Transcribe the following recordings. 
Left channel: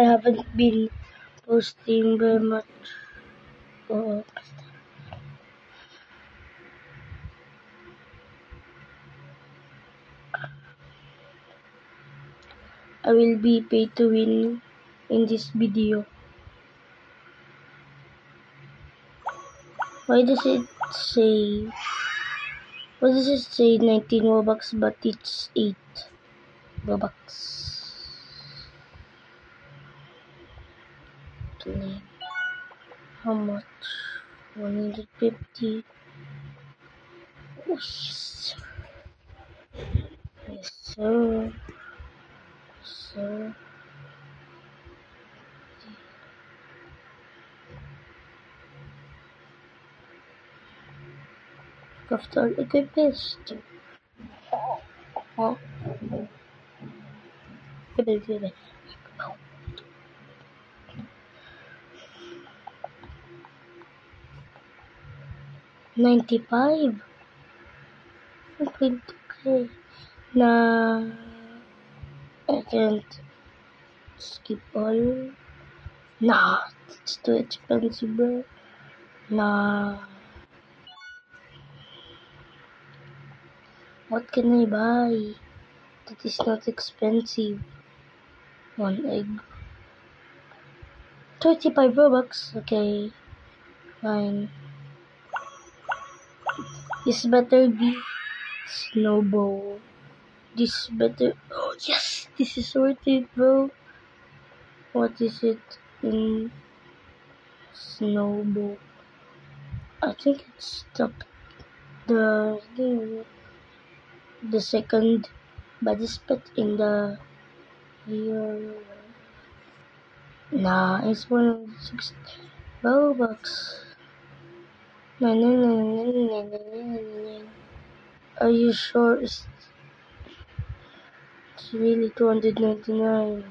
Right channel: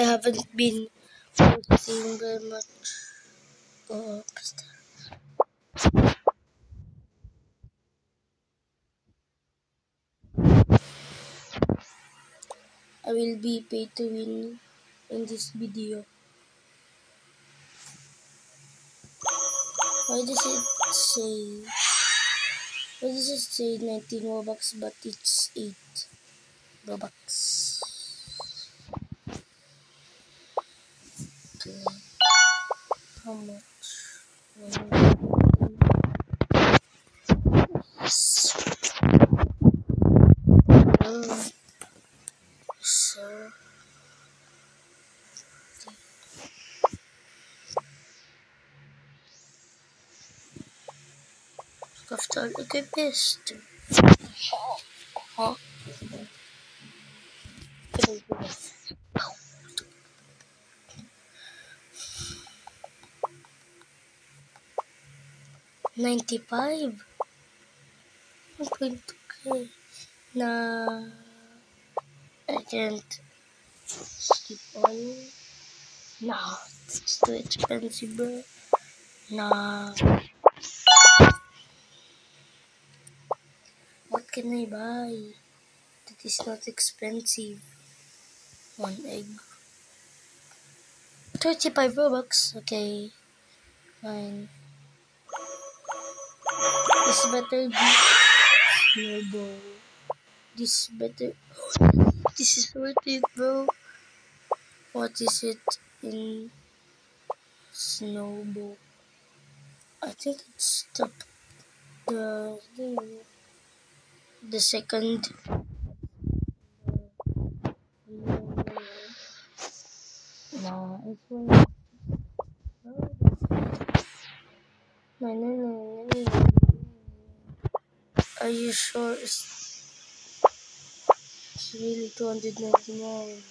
I haven't been posting very much. I will be pay to win in this video. Why does it say 19 Robux but it's 8 Robux? How much? 150. Yes. So. After equipest. Huh? Could I do this? 95. I'm going to pay. Nah, I can't skip all. Nah, it's too expensive, bro. Nah. What can I buy that is not expensive? One egg. 35 Robux. Okay, fine. This better be snowball. This better. Oh yes, this is worth it, bro. What is it in snowball? I think it's the second body spot in the real. Nah, it's 160 Robux. Are you sure it's really 299?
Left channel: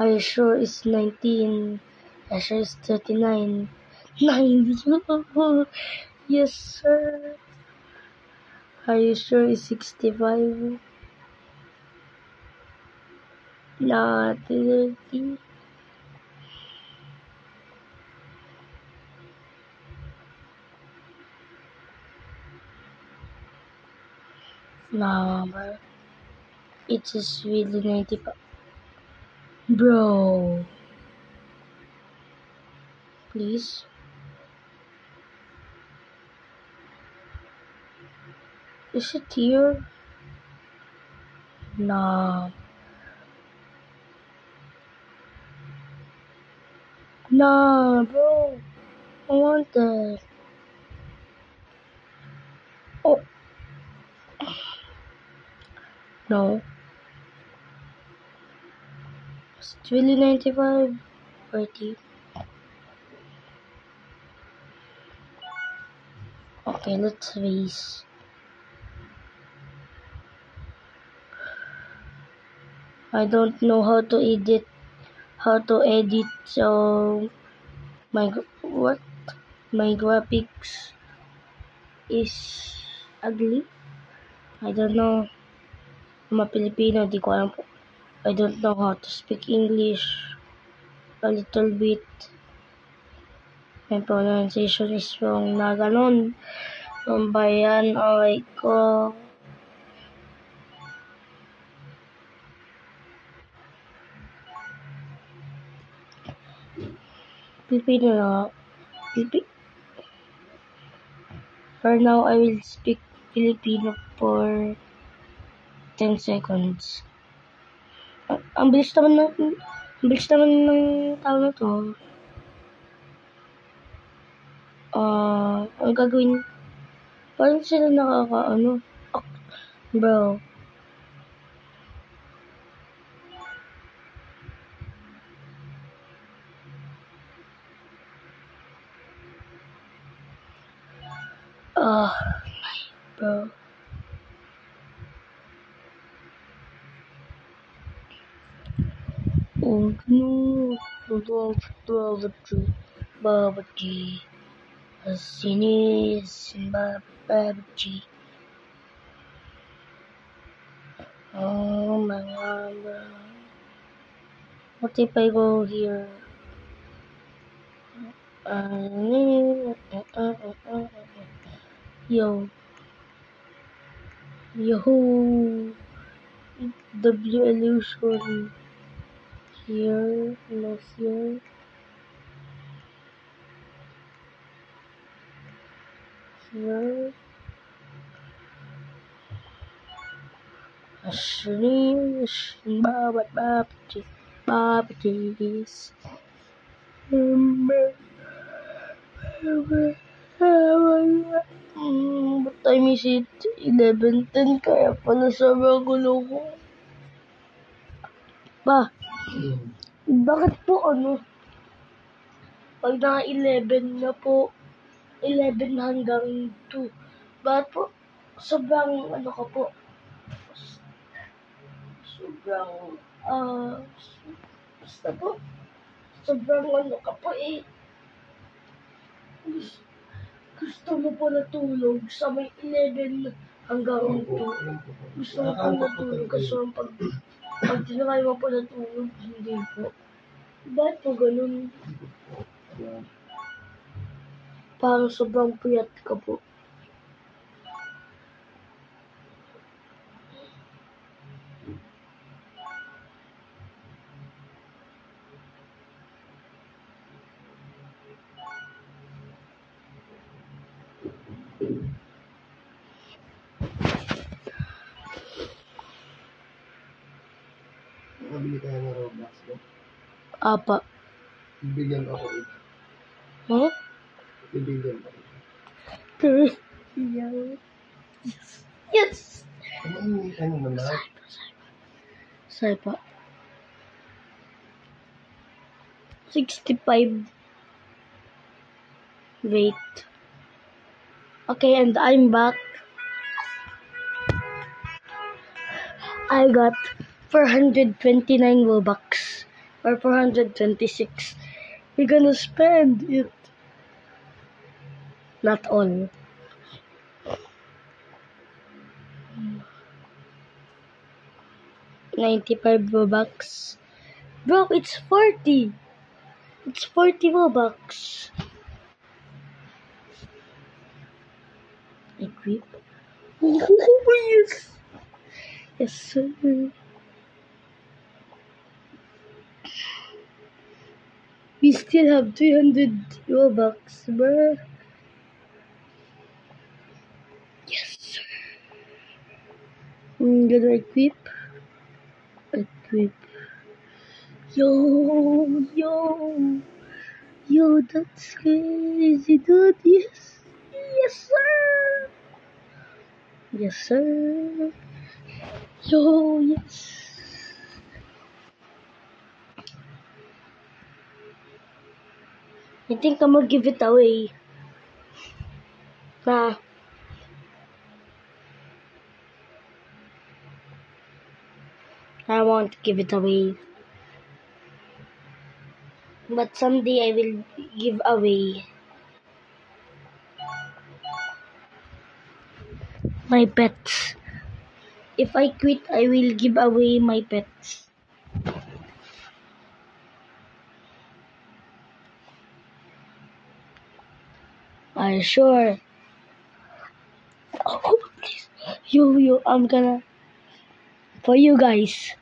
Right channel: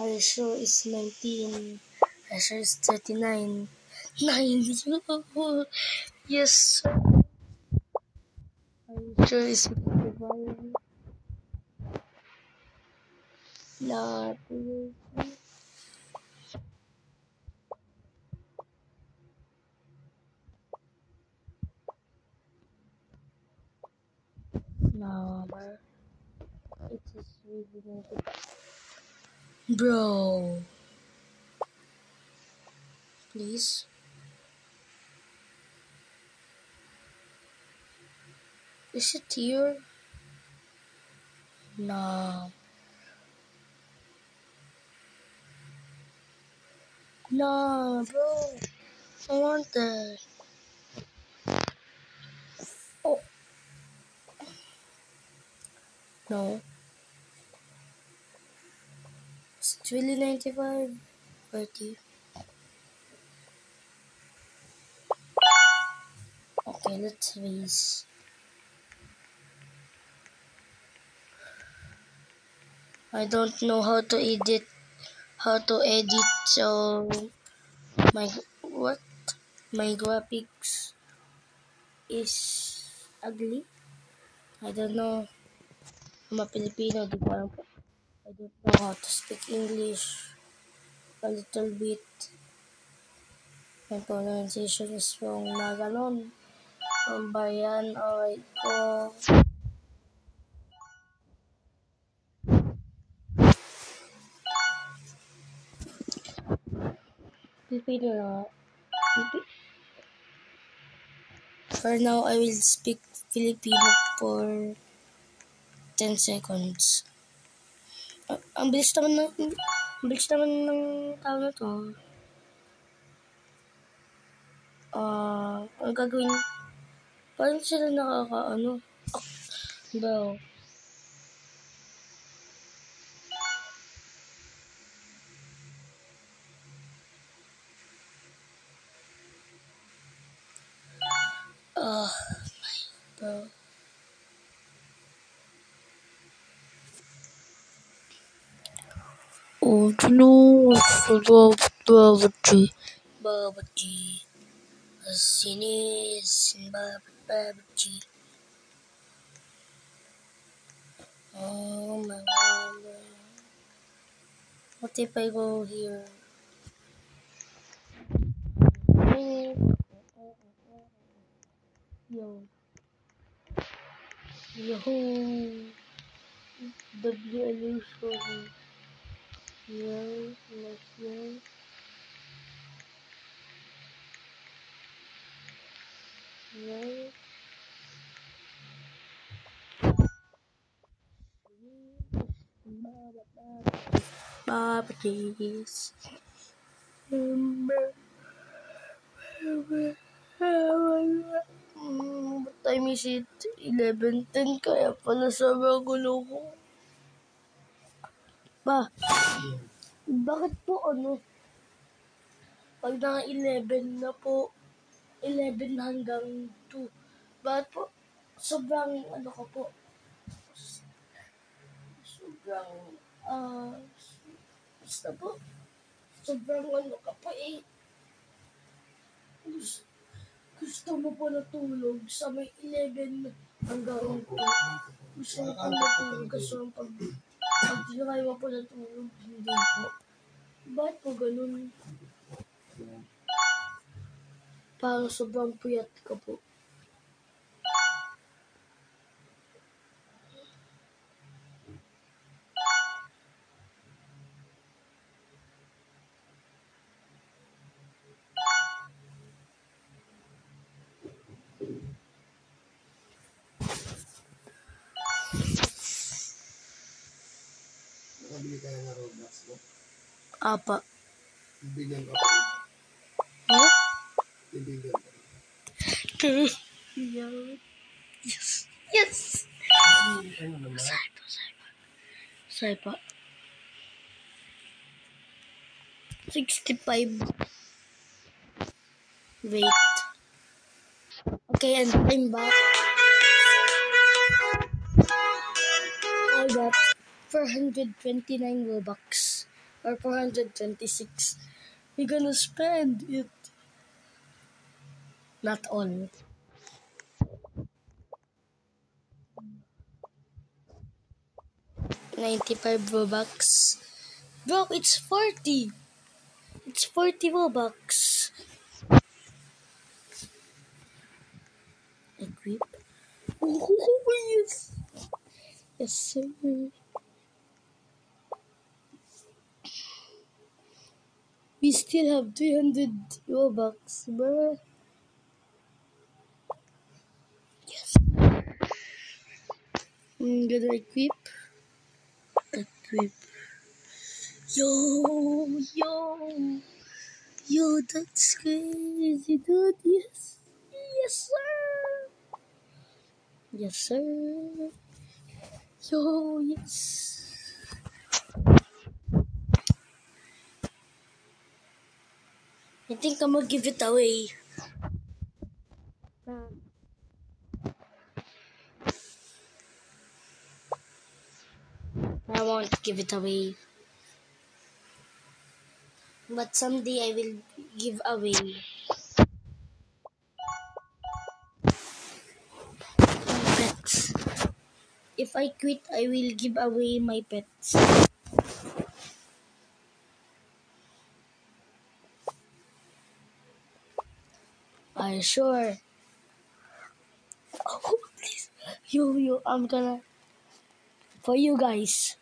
Are you sure it's 19? Are you sure it's 39? 9. Yes, sir. Are you sure it's 65? Nah, 30. Nah, but it is really 95. Bro. Please. Is it here? Nah. Nah, bro. I want that. Oh. No. It's really 95. 40. Okay, let's race. I don't know how to edit. So my graphics is ugly. I don't know. I'm a Filipino, di ko alam po. I don't know how to speak English a little bit. My pronunciation is wrong na ganun. Bayan, alright ko. Filipino na. For now, I will speak Filipino for 10 seconds. Ang bilis naman ng tao na to. Ang gagawin, paano sila nakakaano? Bro. Bro. Oh no, Baba G. Sinis, Baba G. Oh my God, bro. What if I go here? Yo. Yo. W illusion. Here. No here. Here. Babatis. What time is it? 11:10, kaya pala sobrang gulo ko. Bakit po pag na 11 na po, 11 hanggang 2, bakit po sobrang ka po? Sobrang, basta po, sobrang ka po gusto mo po natulog sa may 11 hanggang 2. Gusto mo po natulog kasi pag tinakay mo po natulog, hindi po. Bakit po ganun? Parang sobrang puyat ka po. Nabili tayo ng Roblox ko. Apa. Bibigyan ako. Bibigyan ako. Yes. Yes. Ano naman? Saipa. 65. Wait. Okay, and I'm back. I got 429 Robux. Or 426. We're gonna spend it. Not all. $95 Robux. Bro, it's 40. It's 40 Robux. Equip. Yes. Yes, sir. We still have 300 Robux, bro. Yes, sir. I'm gonna equip. Yo, that's crazy, dude. Yes. Yes, sir. Yes, sir. Yo, yes. I think I'm gonna give it away. Nah. I won't give it away. But someday I will give away my pets. If I quit, I will give away my pets. Are you sure? Oh, please. Yo, I'm gonna... For you guys,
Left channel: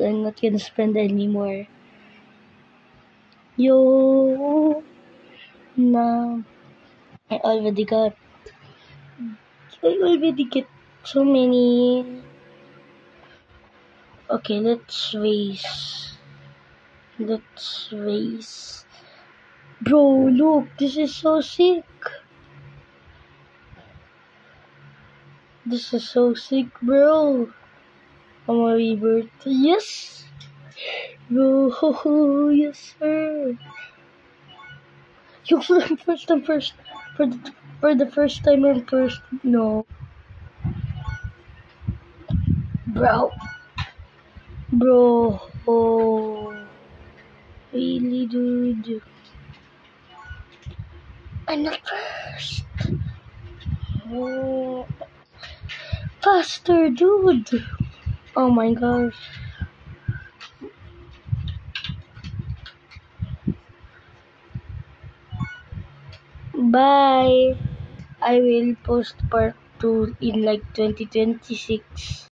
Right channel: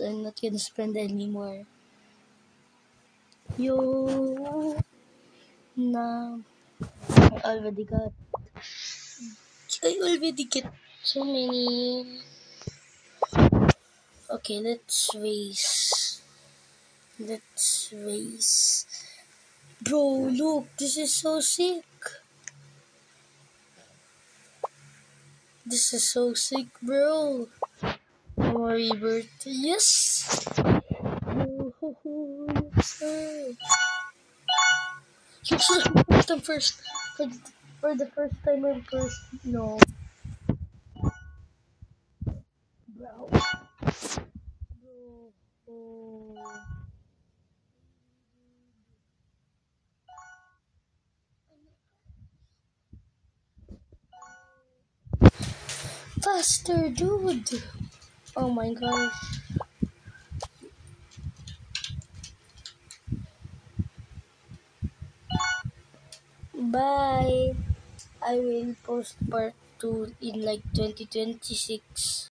I'm not gonna spend anymore. Yo, no, I already got so many. Okay, let's race. Bro, look, this is so sick. This is so sick, bro. I'm a rebirth. Yes! Bro, yes, sir. Yes, I'm first. For the first time, I'm first. No. Bro. Oh. Really, dude. I'm not first. Oh. Faster, dude. Oh my gosh. Bye. I will post part 2 in like 2026.